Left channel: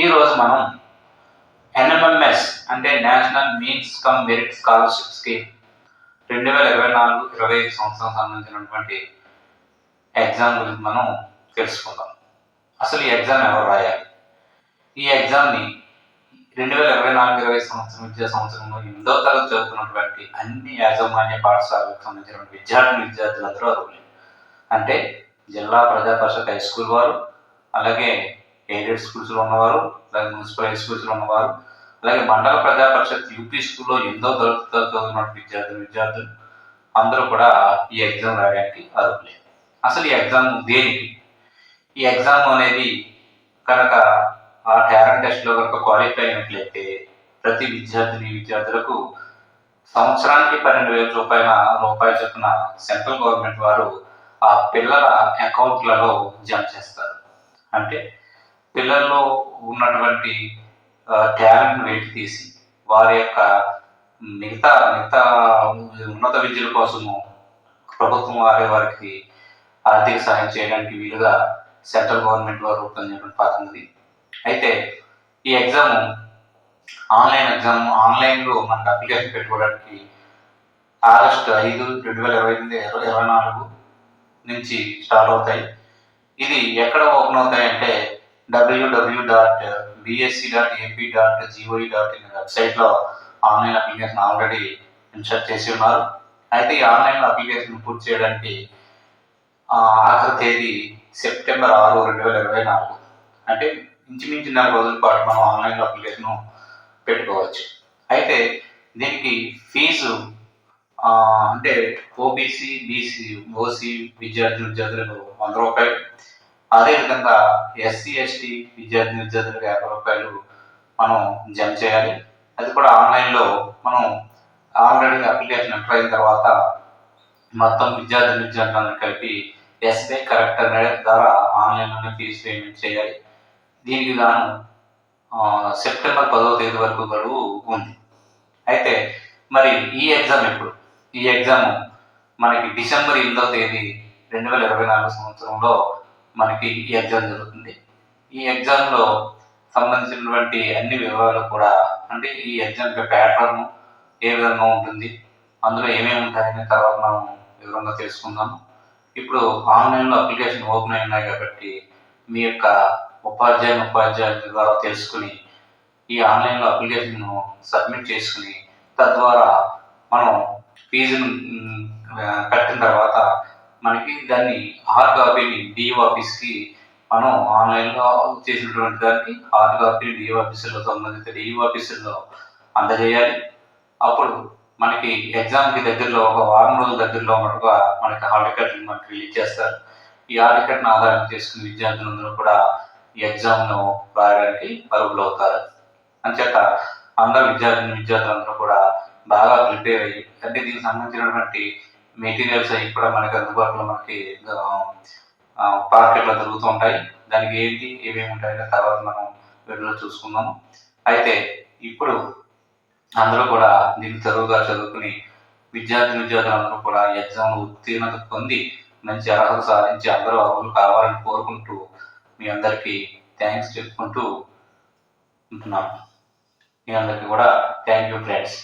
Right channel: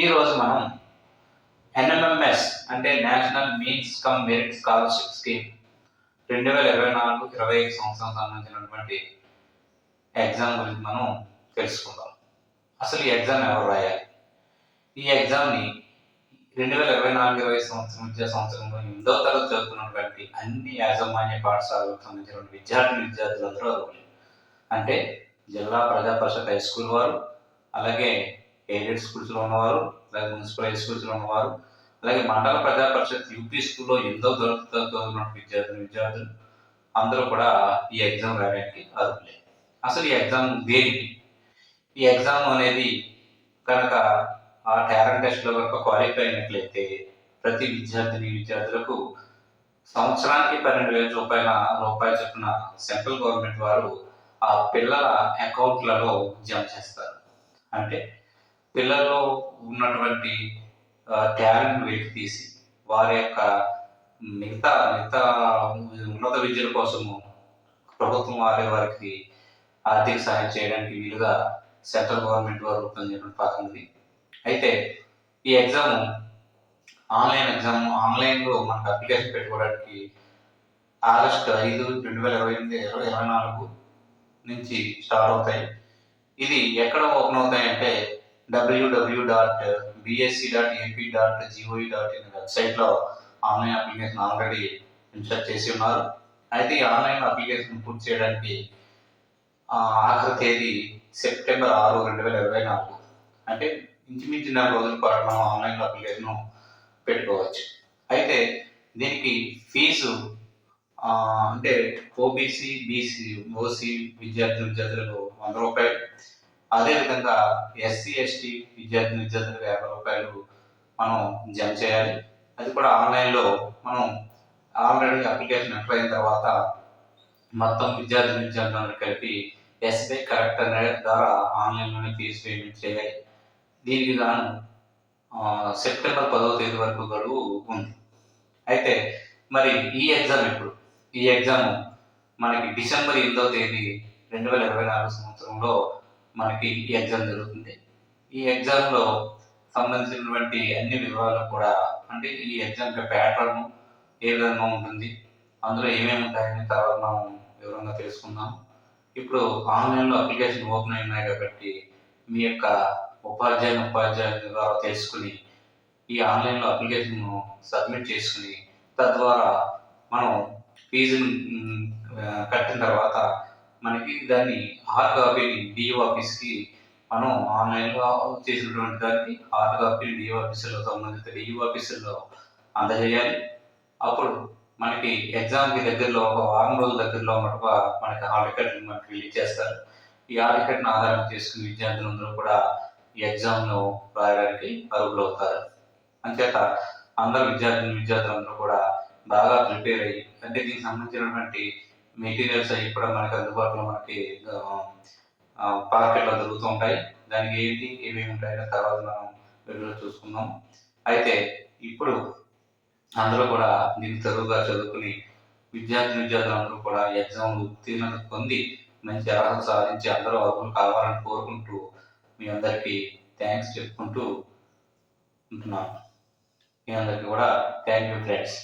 ఈరోజు మనం ఎన్ఎంఎంఎస్ అంటే national means come merit scholarship scheme 2024-25 సంవత్సరం సంబంధించినటువంటి ఎగ్జామ్ గురించి మనం తెలుసుకుందాం. అసలు ఈ ఎగ్జామ్ ఎవరు రాయాలి? ఈ ఎగ్జామ్ని 2024-25 విద్యా సంవత్సరంలో 8వ తరగతి చదువుతున్నటువంటి అన్ని యాజమాన్య పాఠశాలకు సంబంధించినటువంటి విద్యార్థులందరూ అర్హులే. అంటే జిల్లా ప్రజా పరిషత్ హై స్కూల్ వారు, అలాగే ఎయిడెడ్ స్కూల్స్లో ఉన్నవారు, అలాగే మున్సిపల్ హై స్కూల్స్లో ఉన్నవారు, అలాగే మండల ప్రజా పరిషత్ యూపీ స్కూల్లో 8వ తరగతి చదువుతున్న విద్యార్థులు అందరూ కూడా ఈ ఎగ్జామ్ రాయడానికి అర్హులే. అసలు ఈ ఎగ్జామ్ దేనికి? ఈ ఎగ్జామ్ అనేది కనుక ఆ టాలెంట్ టెస్ట్లో కనుక క్వాలిఫై అయినట్లయితే ప్రతి విద్యార్థులకు సంవత్సరానికి 12,000 రూపాయలు చొప్పున సెంట్రల్ గవర్నమెంట్ వారు ఆ పిల్లల అకౌంట్లలో జమ చేస్తారు. అంటే పిల్లల్లో ఉన్నటువంటి టాలెంట్ వెలికి తీసి వారి యొక్క మిగతా ఉన్నత విద్యల కోసము ప్రభుత్వం వారికి ఆర్థిక సహాయం చేయడానికి వీలుగా సెంట్రల్ గవర్నమెంట్ వారు రూపొందించిన పథకం ఇది. అయితే ఈ ఎగ్జామ్ ఆన్లైన్లో మనకు అప్లికేషన్ పెట్టుకోవడానికి ఆగస్టు 5, 2024 నుంచి స్టార్ట్ అవుతాయి. ఇది ఎక్కడ ఓపెన్ అవుతాయంటే www.bsc.ap.gov.in వెబ్సైట్లో ఆన్లైన్ అప్లికేషన్ ఆల్రెడీ ఇన్స్టాల్ చేసి ఉన్నారు. అయితే ఈ ఆన్లైన్ అప్లికేషన్ పూర్తి చేయడానికి ఆఖరి తేదీ సెప్టెంబర్ 6, 2024. అంటే ఇంచుమించు 4 రోజుల పాటు మనం ఆన్లైన్లో అప్లికేషన్ పెట్టుకోవచ్చు. అయితే దీనికి ఫీజు అంటే ఓబీసీ, బీసీ, ఓసీ విద్యార్థులకు 100 రూపాయలు, అదేవిధంగా ఎస్సీ, ఎస్టీ విద్యార్థులకు 50 రూపాయలు మనం జమ చేయాలి. అది కూడా ఆన్లైన్లో మనం ఆల్రెడీ అప్లికేషన్ ఎంటర్ అయిన తర్వాత మొత్తం విద్యార్థులను కలిపి ఎస్బీఐ కరెక్ట్ అనే ద్వారా ఆన్లైన్లోనే ఫీజు పేమెంట్ చేయాలి. దీనికి గాను సెప్టెంబర్ 10వ తేదీ వరకు గడువు ఉంది. అయితే మరి ఈ ఎగ్జామ్ ఎప్పుడు? ఈ ఎగ్జామ్ మనకి డిసెంబర్ 8వ తేదీ 2024 సంవత్సరంలో మనకి ఈ ఎగ్జామ్ జరుగుతుంది. ఈ ఎగ్జామ్లో సంబంధించినటువంటి అన్ని వివరాలు కూడా, అంటే ఈ ఎగ్జామ్ ప్యాటర్న్ ఏ విధంగా ఉంటుంది, అందులో ఏమేమి ఉంటాయనే తర్వాత మనం వివరంగా తెలుసుకుందాము. ఇప్పుడు ఆన్లైన్లో అప్లికేషన్ ఓపెన్ అయి ఉన్నాయి కాబట్టి మీ యొక్క ఉపాధ్యాయుల ద్వారా తెలుసుకుని ఈ ఆన్లైన్లో అప్లికేషన్ సబ్మిట్ చేసుకుని తద్వారా మనం ఫీజును కట్టిన తర్వాత మనకి దాన్ని హార్డ్ కాపీని డిఓ ఆఫీస్కి మనం ఆన్లైన్లో చేసినటువంటి దానికి హార్డ్ కాపీని డిఓ ఆఫీసులో సంబంధిత డిఓ ఆఫీసుల్లో అందజేయాలి. అప్పుడు మనకి ఎగ్జామ్కి దగ్గరలో ఒక వారం రోజుల దగ్గరలో ఉన్నట్టుగా మనకి హాల్ టికెట్ని మనకి రిలీజ్ చేస్తారు. ఈ హాల్ టికెట్ని ఆధారం చేసుకుని విద్యార్థులందరూ కూడా ఈ ఎగ్జామ్ను రాయడానికి అర్హులు అవుతారు. అంచేత అందరు విద్యార్థులందరూ కూడా బాగా ప్రిపేర్ అయ్యి, అంటే దీనికి సంబంధించినటువంటి మెటీరియల్స్ అవి కూడా మనకి అందుబాటులో మనకి మార్కెట్లో దొరుకుతూ ఉంటాయి. దానికి ఏమేమి ఉంటాయనే తర్వాత మనం వీడియోలో చూసుకుందాము. అయితే ఇప్పుడు అందరూ కూడా దీన్ని తరువుగా చదువుకుని విద్యార్థులందరూ కూడా ఎగ్జామ్ ఉత్తీర్ణత పొంది మంచి అర్హత సాధించి అందరూ అర్హులు కావాలని కోరుకుంటూ మీ అందరికీ థ్యాంక్స్ చెప్పుకుంటూ ఉంటున్నాను. మీ అందరికీ కూడా థ్యాంక్ యూ ఫ్రెండ్స్.